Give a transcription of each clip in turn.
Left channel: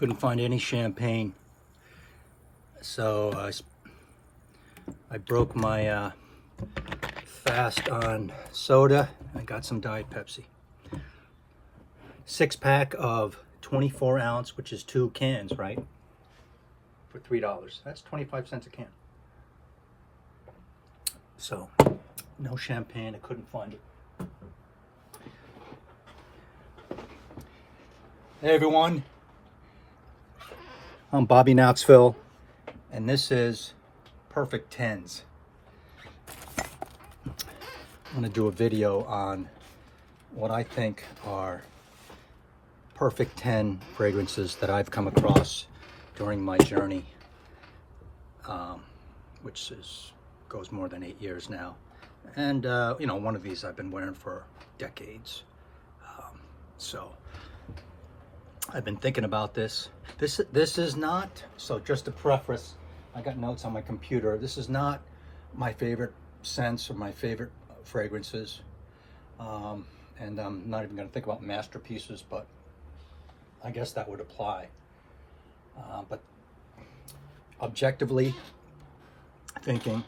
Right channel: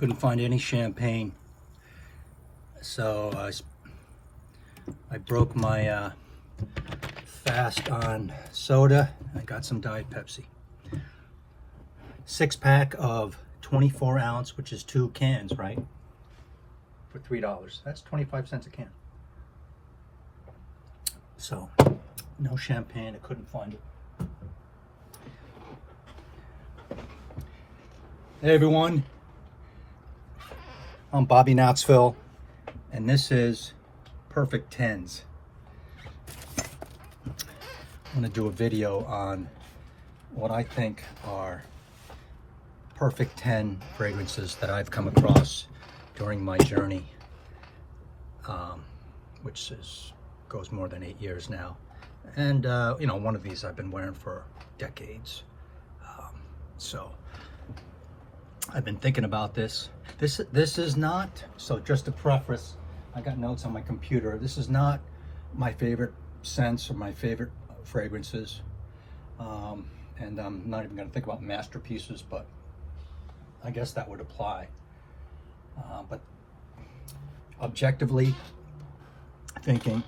Couldn't find any champagne, so I broke my fast on soda and got some Diet Pepsi. 6-pack of 24 ounce, which is 2 cans, right? For $3. That's 25 cents a can. So, no champagne. I couldn't find it. Hey everyone, I'm Bobby Knoxville, and this is Perfect 10s. I'm going to do a video on what I think are perfect 10 fragrances that I've come across during my journey, which goes more than 8 years now. And, you know, one of these I've been wearing for decades. So I've been thinking about this. This is not, so just to preface, I got notes on my computer. This is not my favorite scents or my favorite fragrances. And I'm not even going to think about masterpieces, but I guess that would apply. But objectively thinking,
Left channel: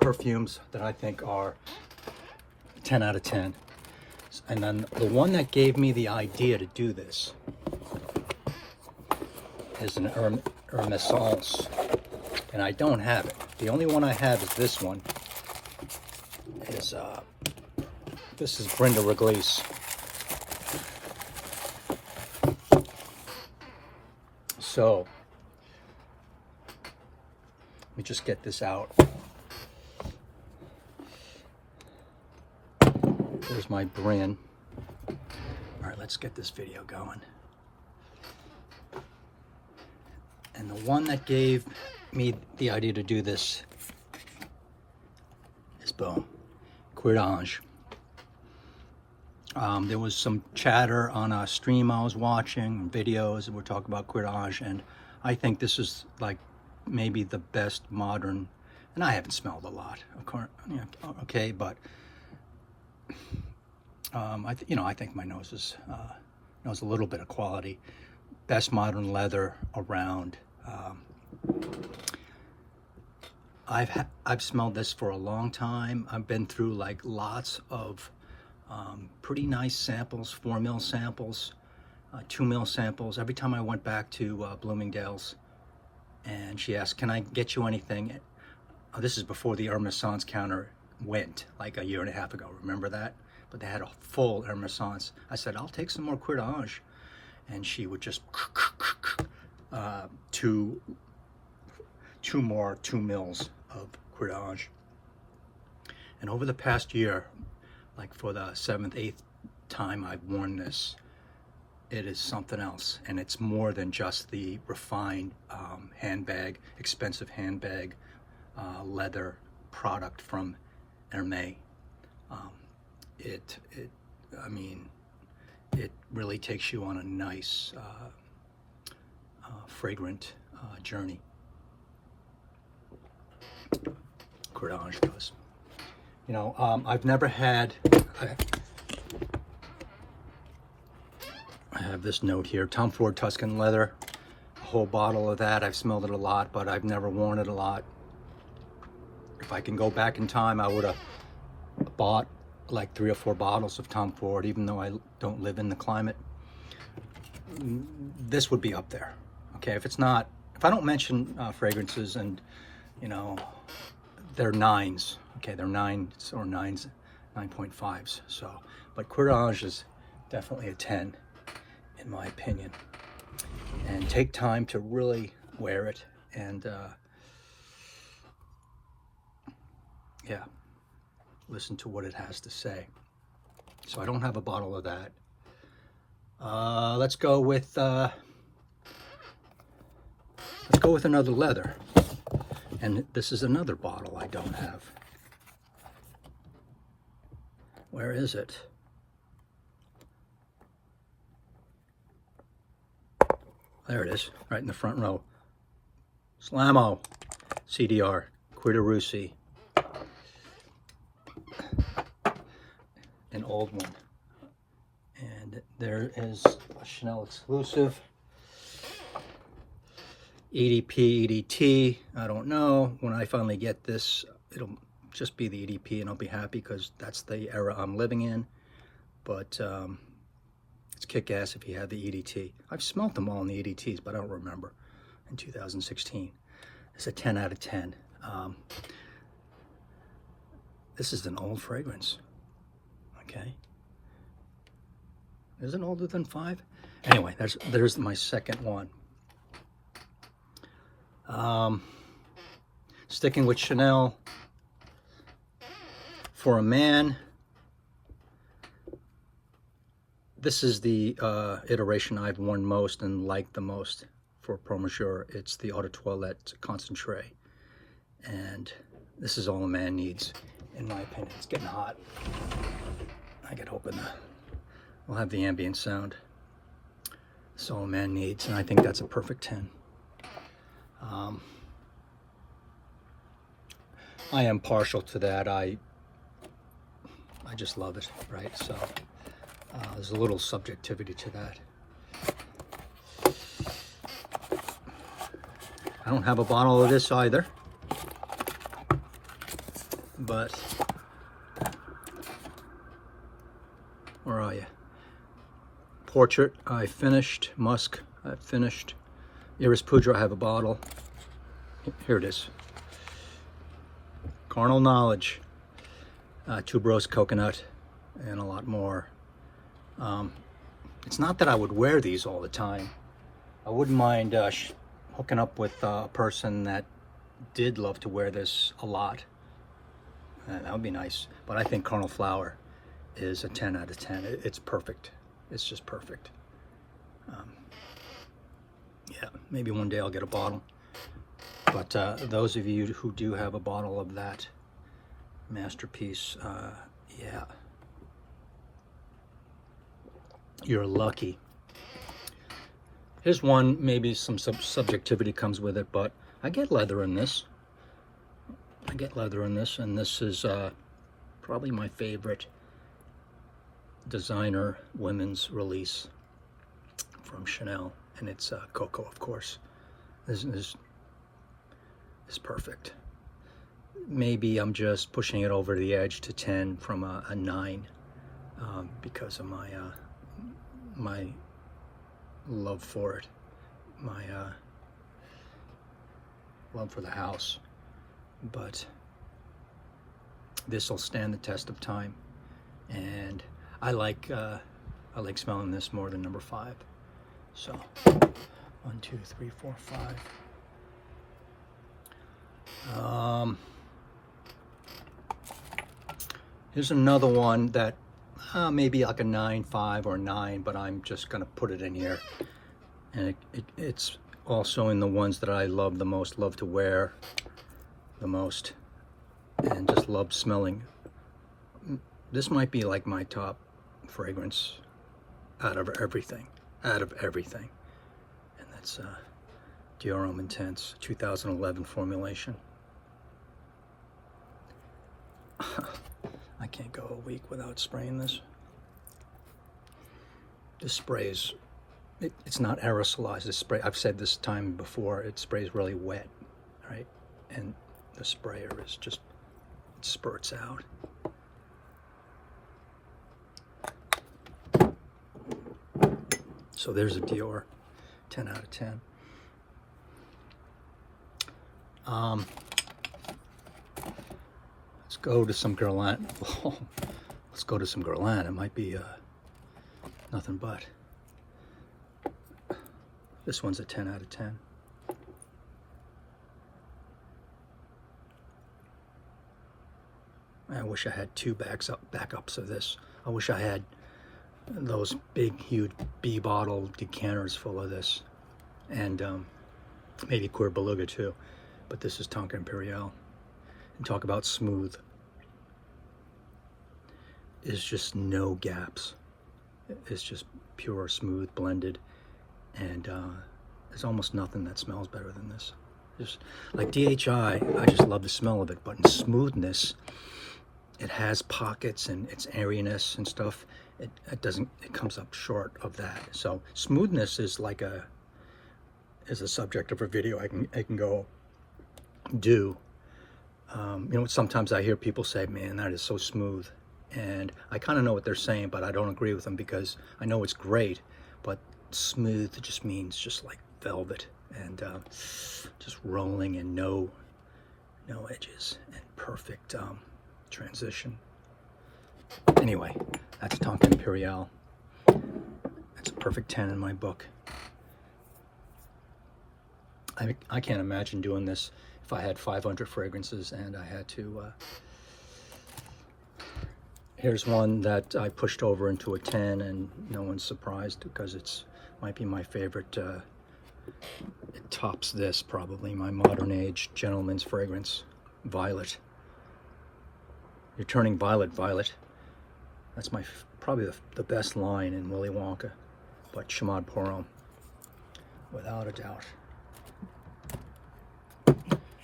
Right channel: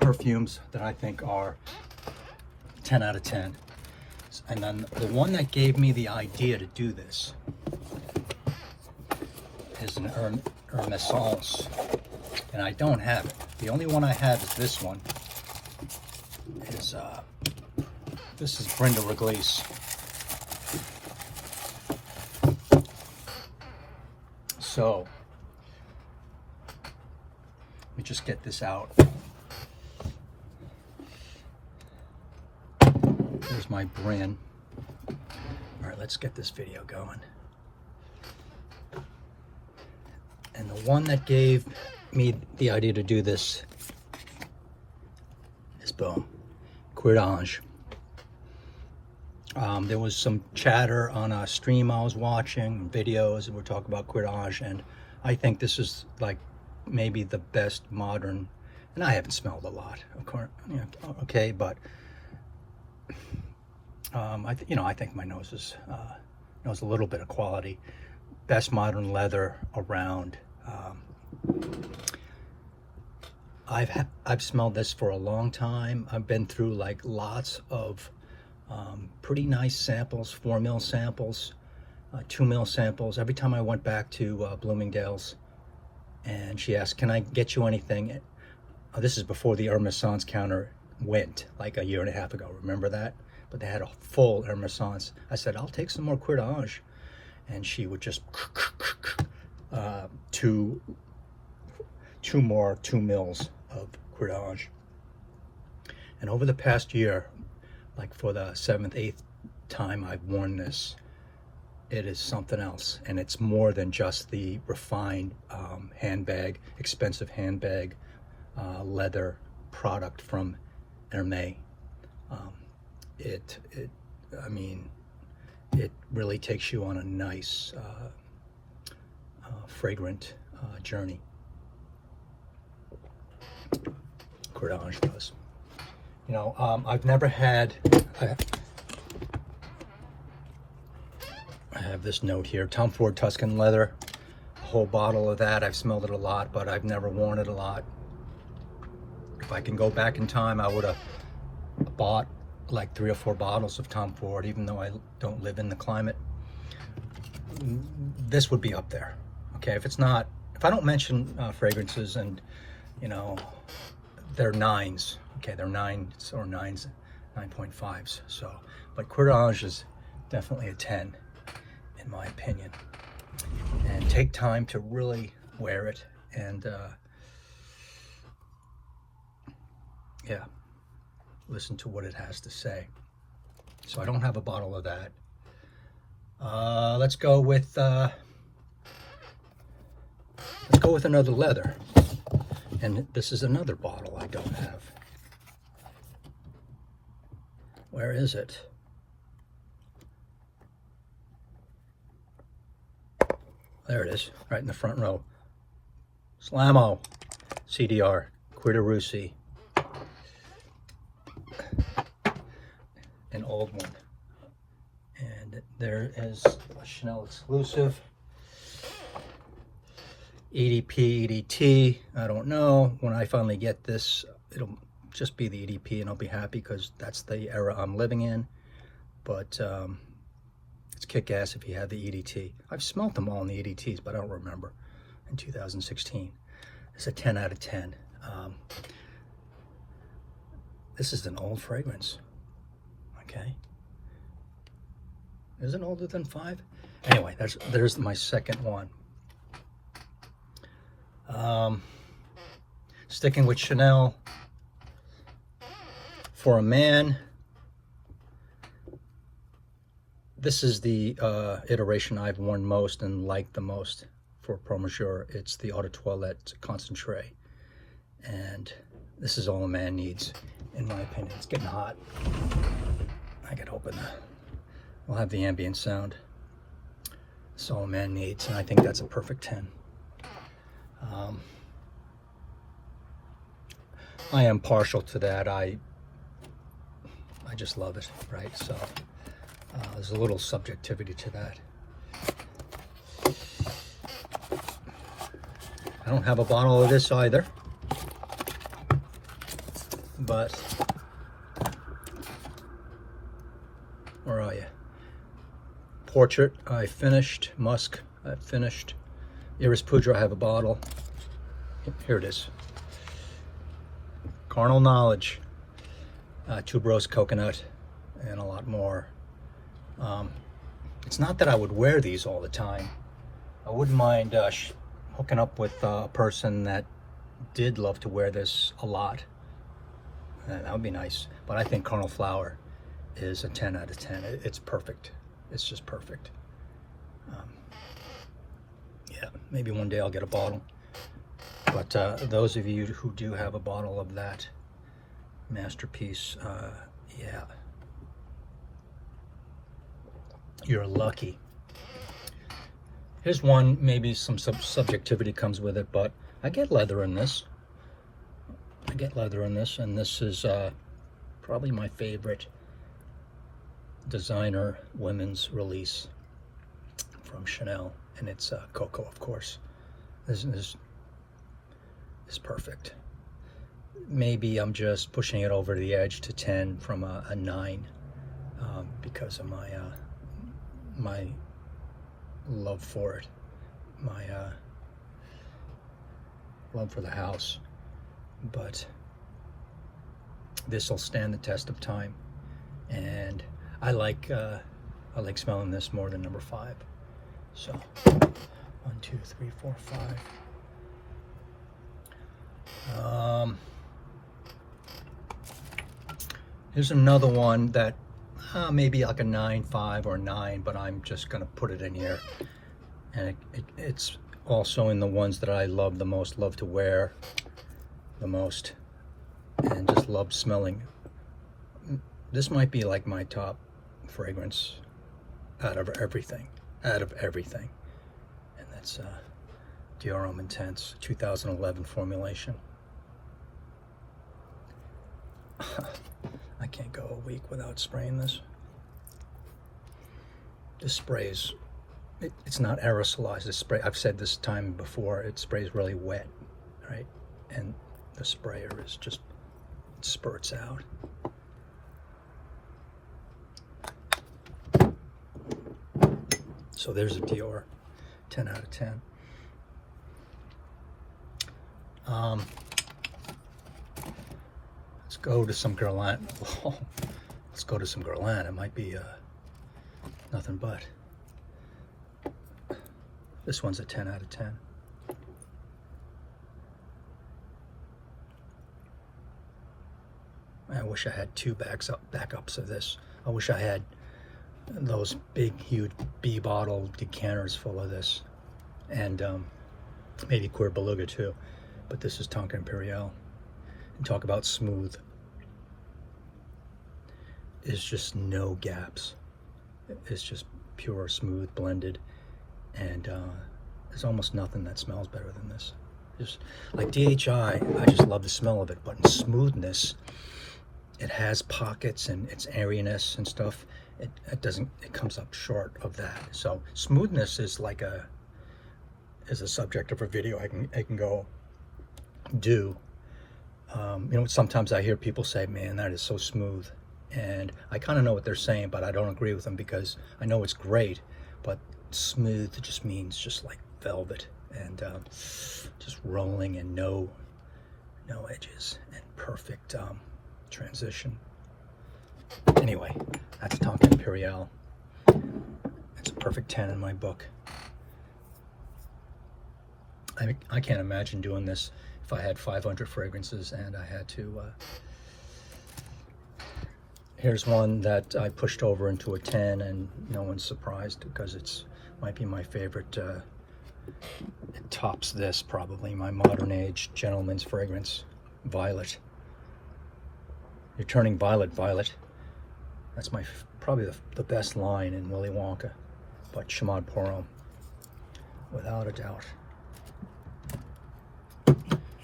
perfumes that I think are 10 out of 10. And then the one that gave me the idea to do this is an Hermès, and I don't have it. The only one I have is this one. This is Brenda Reglisse. So let me just get this out. There's my Bryn. All right, let's get this video going. And the one that gave me the idea to do this is boom, Cuir. There was some chatter on a stream I was watching, videos, and we're talking about Cuir, and I think this is like maybe the best modern, and I haven't smelled a lot, of course, okay, but I think my nose knows a little bit of quality. Best modern leather around. I've smelled this for a long time. I've been through like lots of pretty nice samples, 4 mil samples, 2 mil samples. Every time I went back to Bloomingdale's, and she asked, "Can I get you anything?" This is before the Hermès counter went, like a year and a half ago. Remember that? But they had a full Hermès. I said, "I'll take some more Cuir," and she would just two more 2 mils of Cuir. And over the past year, like for the 7th, 8th time I've worn this, it is something else. And it's more than just the refined handbag, expensive handbag, leather product from Hermès. I mean, it really takes you on a nice, fragrant journey. Cuir does. You know, I've never had, I have this note here, Tom Ford Tuscan leather, a whole bottle of that. I've smelled it a lot, but I've never worn it a lot. If I can go back in time, I would have bought like 3 or 4 bottles of Tom Ford, even though I don't live in the climate. This would be up there. Okay, if I don't mention fragrances, and you know, they're 9s. Okay, they're 9s or 9.5s. So, but Cuir is definitely a 10, in my opinion. And take time to really wear it, and yeah, listen to what it has to say. So I don't have a bottle of that. Let's go with another leather. And this is another bottle I don't have. Where is it? There it is, right in the front row. Slamo, CDR, Cuir de Russie. An old one. And And there is a Chanel exclusive. EDP, EDT, I don't know. When I finally get this, it'll just be the EDP and I'll be happy because that's the era I'm living in. But it's kick-ass if you have the EDT. I've smelt them all in the EDTs, but I don't remember in 2016. It's a 10 out of 10. This is an old fragrance, okay? Is it older than 5? Anyway, there's my second one. Sticking with Chanel, for a man, this is the iteration I've worn most and liked the most for Pro Monsieur. It's the Eau de Toilette Concentree, and this is all a man needs, in my opinion. It's getting hot. I gotta open that. I'll have the ambient sound. It's all a man needs, and I think that's a perfect 10. I am partial to that. I just love it, right? So there's a little subjectivity to that. I don't have a bottle of this either, but where are you? Portrait, I finished. Musk, I finished. Iris Poudre, I have a bottle. Here it is. Carnal Knowledge, tuberose coconut, and a lot more. It's not that I would wear these all the time. I wouldn't mind hooking up with a person that did love to wear this a lot. That would be nice. But I think Carnal Flower is a 10 out of 10. It's perfect. It's just perfect. Yeah, maybe one day I'll get a bottle. But those of you who do have a bottle of that masterpiece, yeah, you're lucky. Here's one, maybe some subjectivity comes with it, but I get leather in this. I get leather in this, and this is probably my favorite designer women's release from Chanel, and it's COCO, of course. This is perfect. Maybe I'm just pushing it over the edge to 10 from a 9 because of my love for it, my love for the house. But this will stand the test of time, and I like smelling this more than number 5. So 1, 2, 3, 4, 5. Here's another one that maybe like a 9.5 or 9, but I'm just gonna put it in here, and it's also in the ones that I love the most, love to wear the most, and just love smelling. This might be like my top fragrance out of everything, and that's Dior Homme Intense 2011 formulation. I can't go a week without spraying this. This spray is, it's not aerosolized. This spray, I've said this time before, it sprays really wet, right? And the sprayer is just, it spurts out. So there's a Dior, 10 out of 10. Let's go to some Guerlain. Let's go to some Guerlain. It might be nothing but. This one's a 10 out of 10. I wish I had 2 backups of this. I wish I had those big, huge B bottle decanters full of this, and maybe Cuir Beluga too. But this is Tonka Impériale. And talk about smooth. It's just no gaps. It's just pure, smooth, blended, and there's almost nothing that smells better than this. Just like DHI, I just love the smell of it, but in smoothness, it has pockets and its airiness and stuff, it doesn't, it comes up short of that. So smoothness is like a subject of a video I can go do. You know, sometimes I hear people say, man, that is so smooth. And I kind of know what they're saying, but I don't agree with them because I know it's great, but smooth just means just like velvet and just rolling and no edges and perfect transition. Anyway, that's Tonka Impériale. It's a perfect 10 in my book. I can't imagine doing this if I had 500 fragrances and I had to... Here's one that I pushed over into a 10 and no one's surprised because it's might be my favorite. It tops this probably, my modern age gentleman's fragrance, Violet. You're turning violet, violet. That's my probably the best line in Willy Wonka, but Chamade pour Homme, without a doubt.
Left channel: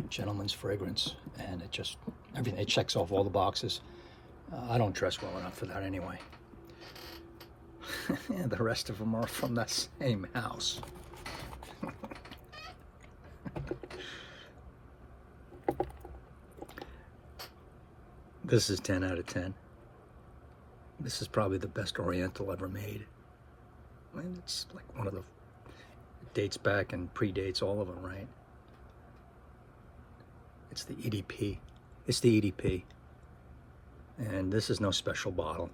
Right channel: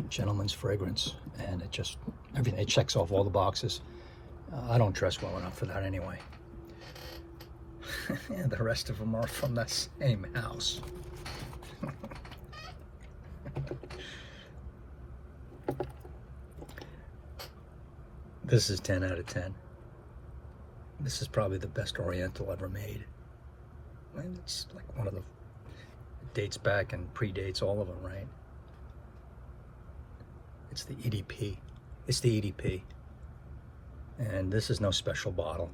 Gentleman's fragrance, and it just, everything, it checks off all the boxes. I don't dress well enough for that anyway. And the rest of them are from that same house. This is 10 out of 10. This is probably the best Oriental ever made. And it's like one of the, dates back and predates all of them, right? It's the EDP. It's the EDP. And this is no special bottle.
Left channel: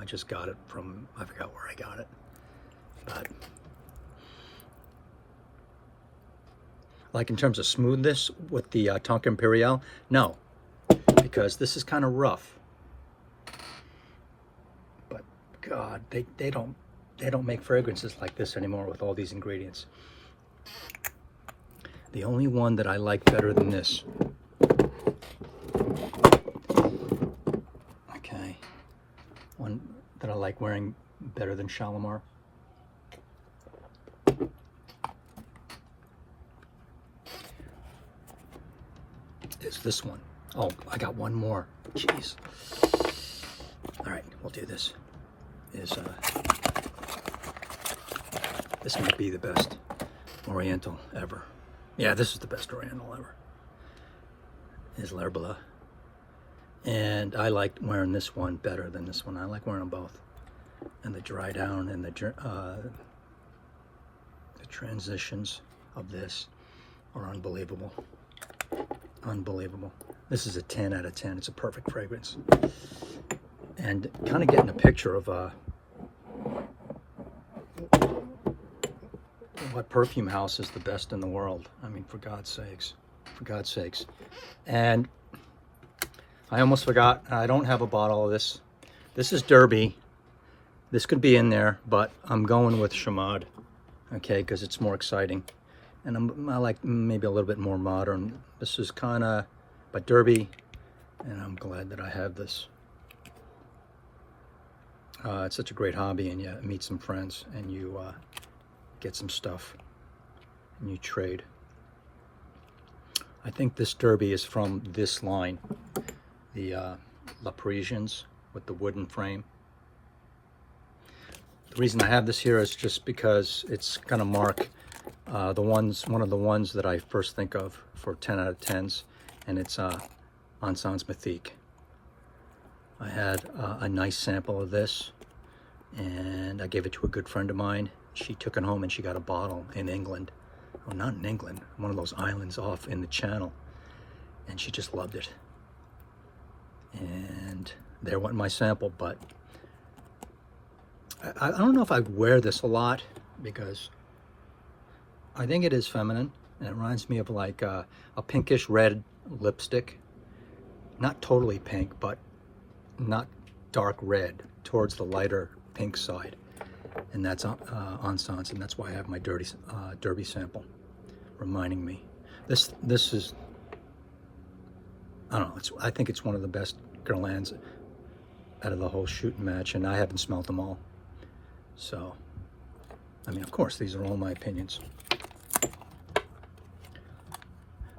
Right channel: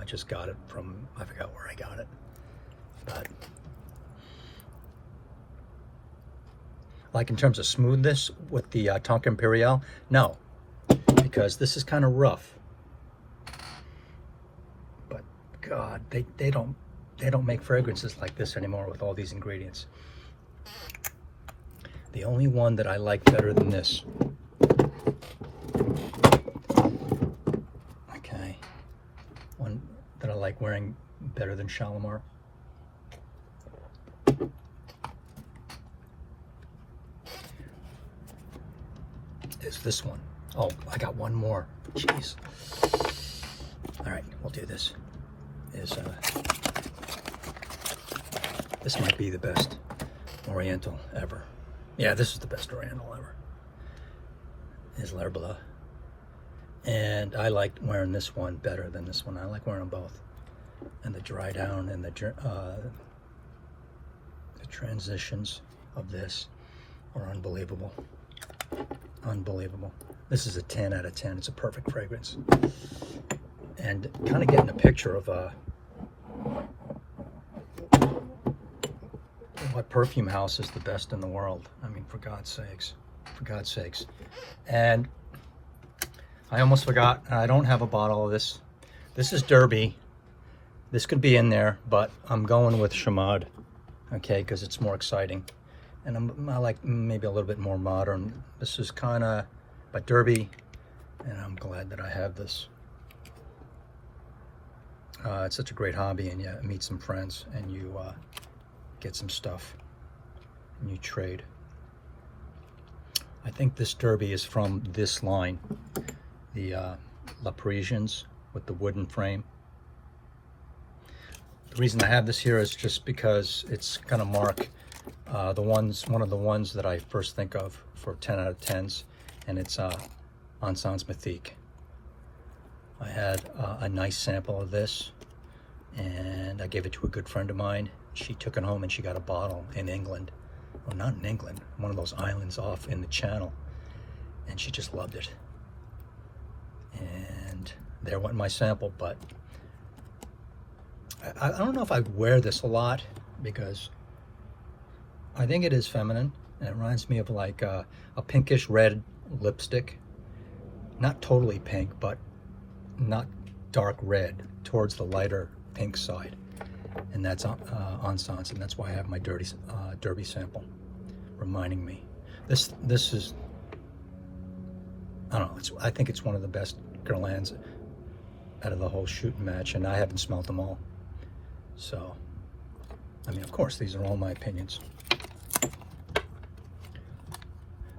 I just got it from, I forgot where I got it. But like in terms of smoothness with the Tonka Impériale, no, because this is kind of rough. But God, they don't make fragrances like this anymore with all these ingredients. The only one that I like better than this, okay, one that I like wearing better than Shalimar, is this one. Oh, I got one more. Jeez. All right, we'll do this. This might be the best Oriental ever. Yeah, this is the best Oriental ever. Is Bleue. And I like wearing this one better than this one. I like wearing them both. And the dry down and the transitions of this are unbelievable. Unbelievable. This is a 10 out of 10. It's a perfect fragrance. And kind of getting a picture of what perfume house is the best in the world. I mean, for God's sakes. For God's sakes. And I almost forgot, I don't have a bottle of this. This is Derby. This could be in there, but I'm going with Chamade, okay, because it's more exciting. And I like maybe a little bit more modern. This is kind of, but Derby, and I'm glad that I have this. It's such a great hobby, and you meet some friends, and you get some stuff, and you trade. I think this Derby is from this line, the La Parisians with the wooden frame. The reason I have this here is just because it's going to mark one of the ones that I first think of for 10 out of 10s, and it's Encens Mythique. I had a nice sample of this, and I gave it to a good friend of mine. She took it home and she got a bottle in England. Well, not in England, one of those islands off in the Channel, and she just loved it. And there went my sample, but I don't know if I'd wear this a lot because I think it is feminine, and it reminds me of like a pinkish red lipstick. Not totally pink, but not dark red, towards the lighter pink side. And that's Encens, and that's why I have my Derby sample reminding me. This is, I don't know, I think it's one of the best Guerlains out of the whole shooting match, and I haven't smelled them all. So, I mean, of course, these are all my opinions.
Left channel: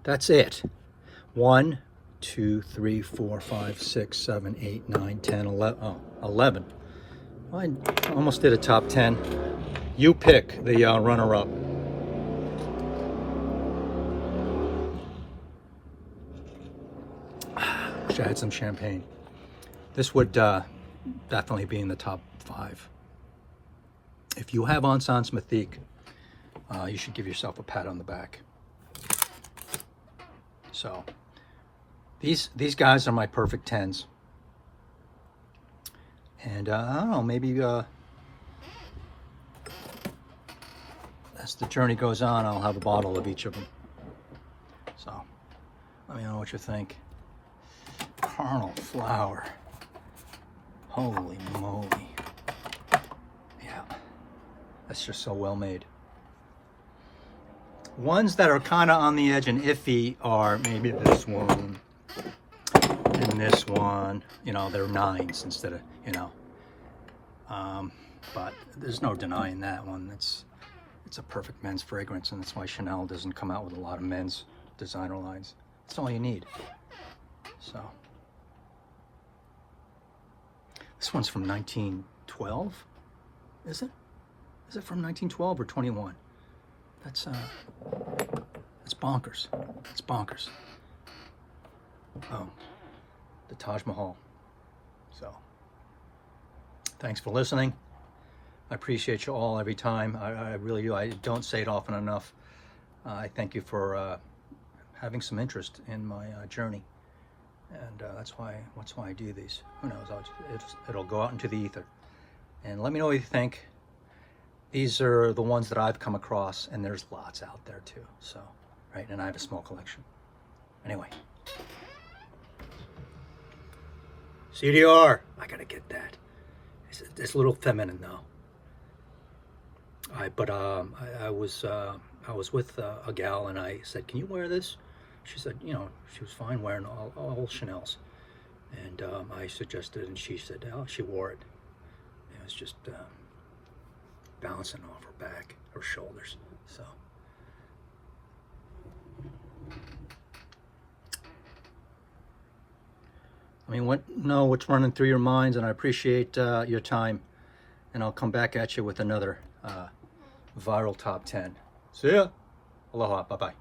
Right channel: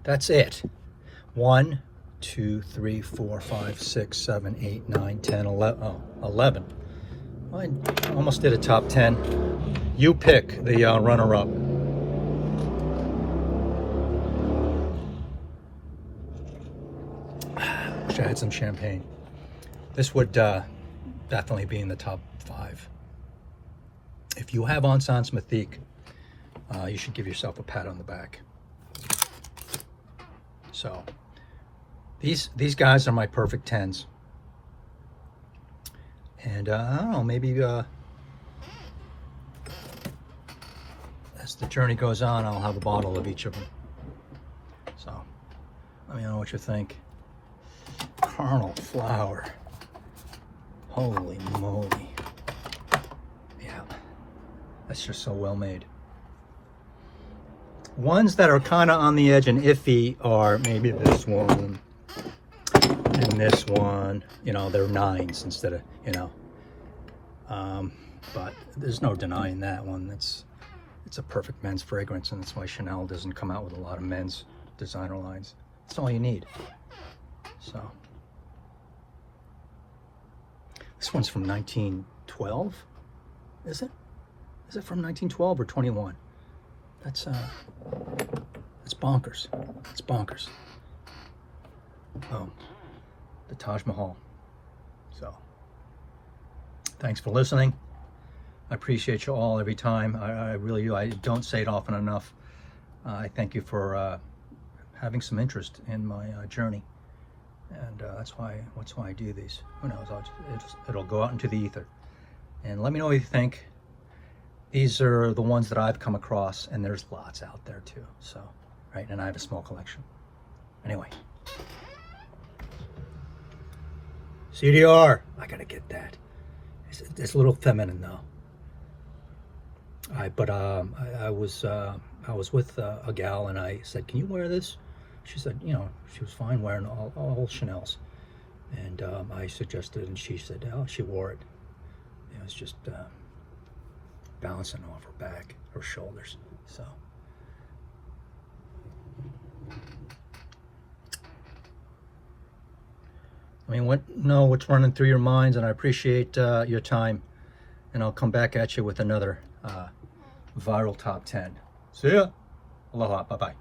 That's it. 1, 2, 3, 4, 5, 6, 7, 8, 9, 10, 11. Oh, 11. I almost did a top 10. You pick the runner-up. Wish I had some champagne. This would definitely be in the top 5. If you have Encens Mythique, you should give yourself a pat on the back. So these guys are my perfect 10s. And I don't know, maybe as the journey goes on, I'll have a bottle of each of them. So let me know what you think. Carnal flower. Holy moly. Yeah, that's just so well made. Ones that are kind of on the edge and iffy are maybe this one and this one. You know, they're 9s instead of, you know. But there's no denying that one. It's a perfect men's fragrance, and that's why Chanel doesn't come out with a lot of men's designer lines. That's all you need. So this one's from 1912. Is it? Is it from 1912 or 21? That's bonkers. It's bonkers. Oh, the Taj Mahal. So thanks for listening. I appreciate you all every time. I really do. I don't say it often enough. I thank you for having some interest in my journey, and that's why I do these. Who knows? It'll go out into the ether, and let me know what you think. These are the ones that I've come across, and there's lots out there too. So, right, and I have a small collection. Anyway, CDR. I gotta get that. It's a little feminine though. I was with a gal, and I said, "Can you wear this?" She said, you know, she was fine wearing all Chanel's, and I suggested, and she said, "Oh, she wore it. It was just bouncing off her back, her shoulders." So, I mean, know what's running through your minds, and I appreciate your time. And I'll come back at you with another viral top 10. See ya. Aloha. Bye-bye.